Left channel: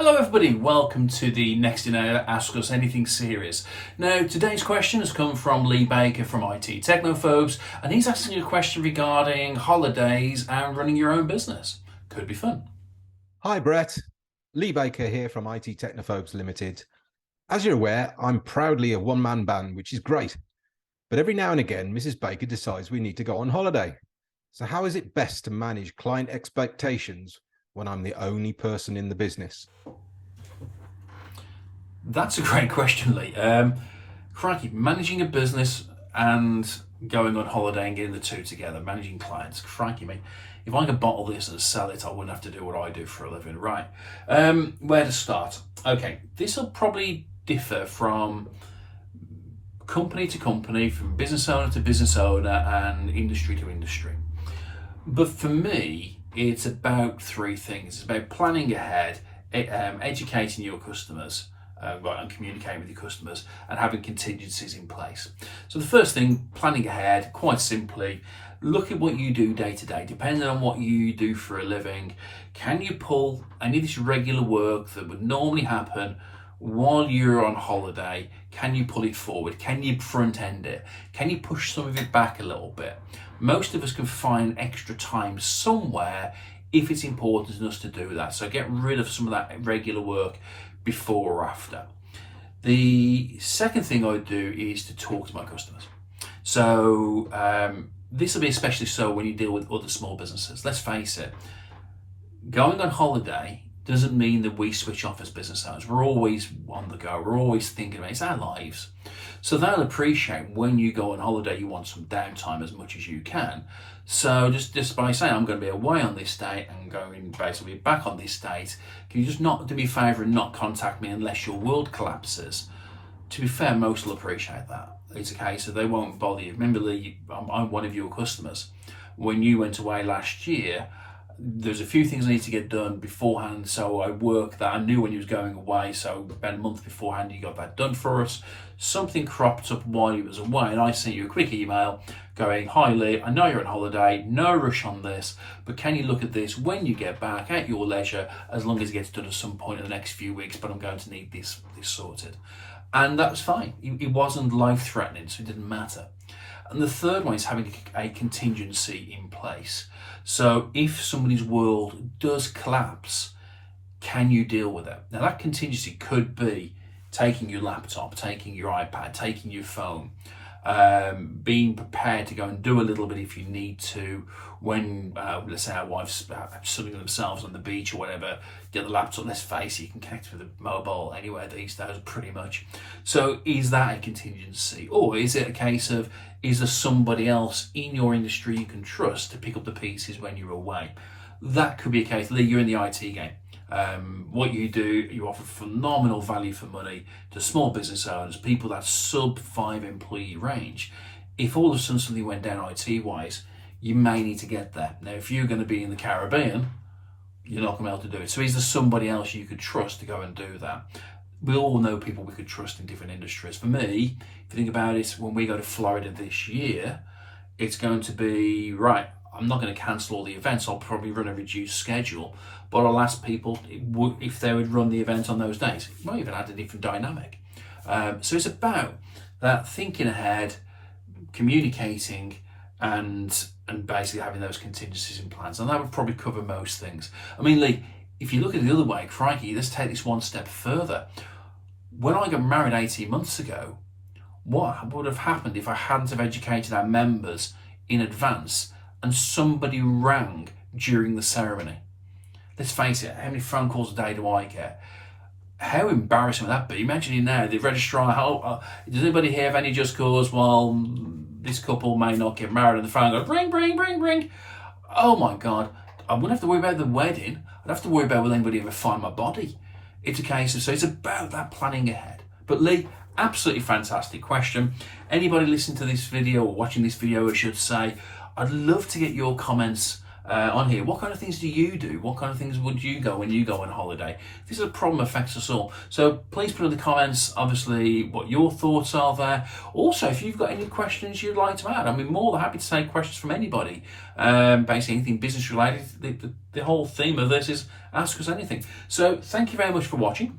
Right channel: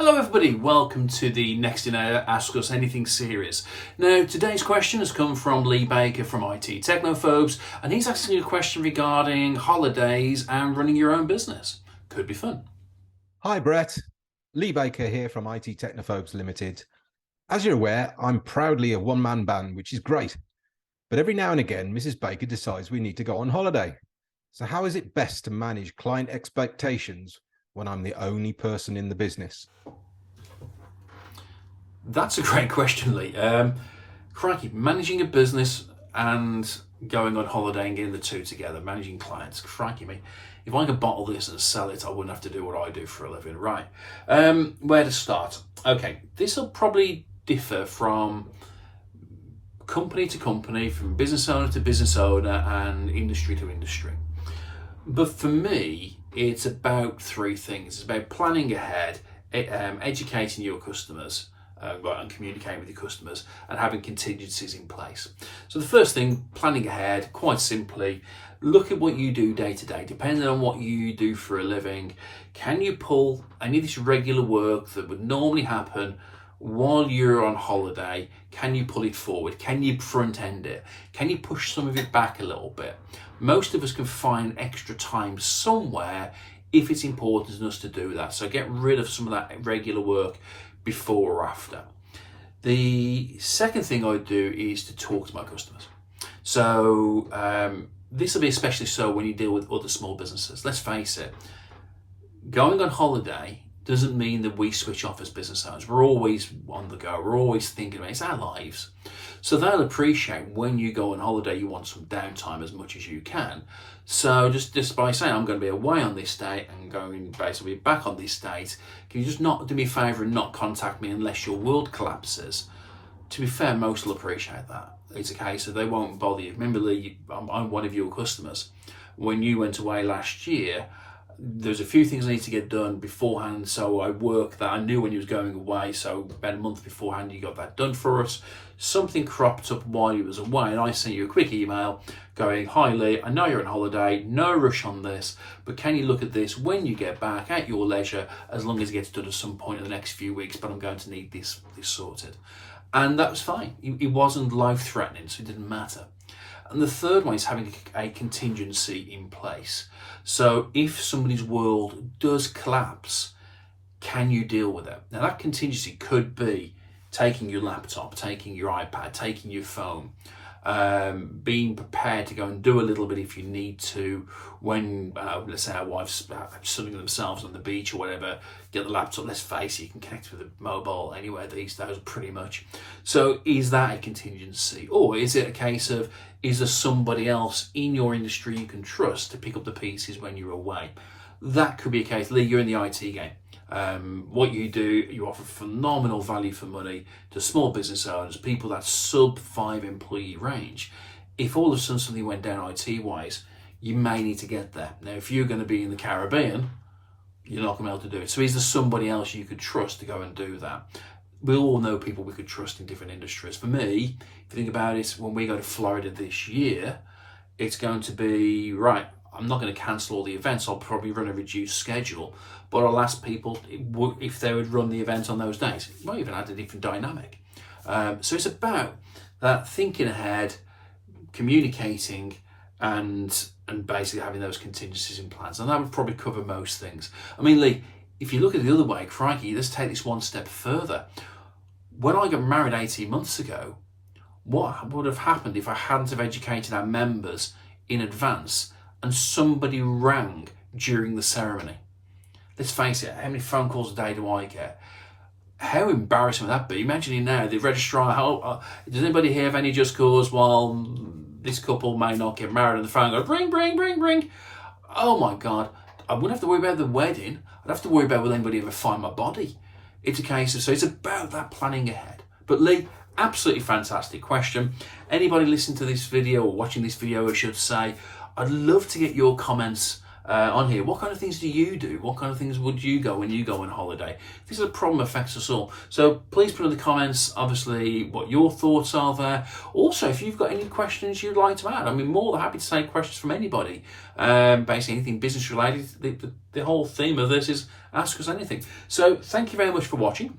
Hello everybody, welcome to the Next in Ask Us Anything series. Now today's question has come from Lee Baker from IT Technophobes, and he's asking a question regarding holidays and running your own business. Could be fun. Hi Brett, Lee Baker here from IT Technophobes Limited. As you're aware, I'm proudly a one-man band, which is great. But every now and again, Mrs. Baker decides we need to go on holiday. So how is it best to manage client expectations when I'm the only person in the business? That's a great question, Lee. Crikey, managing a business and going on holiday and getting the two together, managing clients. Crikey me. If I could bottle this and sell it, I wouldn't have to do what I do for a living. Right. Where to start? Okay, this will probably differ from company to company, from business owner to business owner and industry to industry. But for me, it's about three things. It's about planning ahead, educating your customers, and communicating with your customers, and having contingencies in place. So the first thing, planning ahead, quite simply, look at what you do day to day. Depending on what you do for a living, can you pull any of this regular work that would normally happen while you're on holiday? Can you pull it forward? Can you front end it? Can you push some of it back a little bit? Most of us can find extra time somewhere if it's important to us to do that. So get rid of some of that regular work before or after. The second thing I do is to talk to my customers. So this will be especially so when you deal with other small businesses. Let's face it, going on holiday doesn't mean that we switch off as business owners. We're always on the go. We're always thinking about it. It's our lives. So they'll appreciate when you go on holiday, you want some downtime as much as you can. So just by saying, I'm going to be away on this date and going basically back on this date, can you just not do me a favour and not contact me unless your world collapses? To be fair, most will appreciate that. It's a case of they won't bother you. Remember, Lee, I'm one of your customers. When you went away last year, there's a few things I need to get done beforehand, so I worked that. I knew when you was going away, so about a month beforehand you got that done for us. Something cropped up while you was away, and I sent you a quick email going, "Hi Lee, I know you're on holiday, no rush on this, but can you look at this when you get back at your leisure, as long as it gets done at some point in the next few weeks, but I'm going to need this sorted." And that was fine. It wasn't life-threatening, so it didn't matter. And the third one is having a contingency in place. So if somebody's world does collapse, can you deal with it? Now that contingency could be taking your laptop, taking your iPad, taking your phone, being prepared to go and do a little bit if you need to when, let's say our wife's sunning themselves on the beach or whatever, get the laptop. Let's face it, you can connect with a mobile anywhere these days pretty much. So is that a contingency? Or is it a case of, is there somebody else in your industry you can trust to pick up the pieces when you're away? That could be a case. Lee, you're in the IT game. What you do, you offer phenomenal value for money to small business owners, people that sub 5 employee range. If all of a sudden something went down IT wise, you may need to get there. Now, if you're going to be in the Caribbean, you're not going to be able to do it. So is there somebody else you could trust to go and do that? We all know people we could trust in different industries. For me, if you think about it, when we go to Florida this year, it's going to be, right, I'm not going to cancel all the events. I'll probably run a reduced schedule, but I'll ask people if they would run the event on those days. It might even add a different dynamic. So it's about that thinking ahead, communicating, and basically having those contingencies in plans. And that would probably cover most things. I mean, Lee, if you look at it the other way, crikey, let's take this one step further. When I got married 18 months ago, what would have happened if I hadn't have educated our members in advance and somebody rang during the ceremony? Let's face it, how many phone calls a day do I get? How embarrassing would that be? Imagine it now, the registrar, does anybody here have any just cause? Well, this couple may not get married, and the phone goes, ring, ring, ring, ring. Oh my God, I wouldn't have to worry about the wedding. I'd have to worry about will anybody ever find my body. It's a case of, so it's about that planning ahead. But Lee, absolutely fantastic question. Anybody listening to this video or watching this video, I should say, I'd love to get your comments on here. What kind of things do you do? What kind of things would you go when you go on holiday? This is a problem affects us all. So please put in the comments, obviously, what your thoughts are there. Also, if you've got any questions you'd like to add, I'm more than happy to take questions from anybody. Basically, anything business related. The whole theme of this is ask us anything. So thank you very much for watching.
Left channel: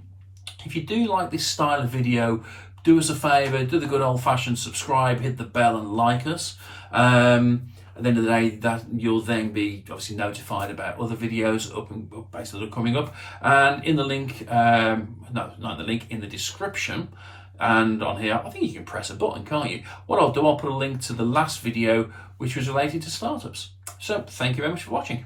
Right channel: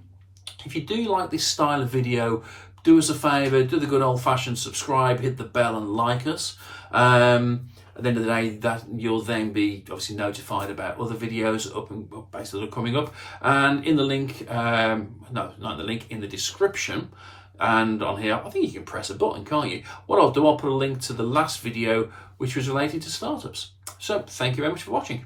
If you do like this style of video, do us a favour, do the good old-fashioned subscribe, hit the bell and like us. At the end of the day, that you'll then be obviously notified about other videos basically that are coming up. And in the link, no, not in the link, in the description and on here, I think you can press a button, can't you? What I'll do, I'll put a link to the last video which was related to startups. So thank you very much for watching.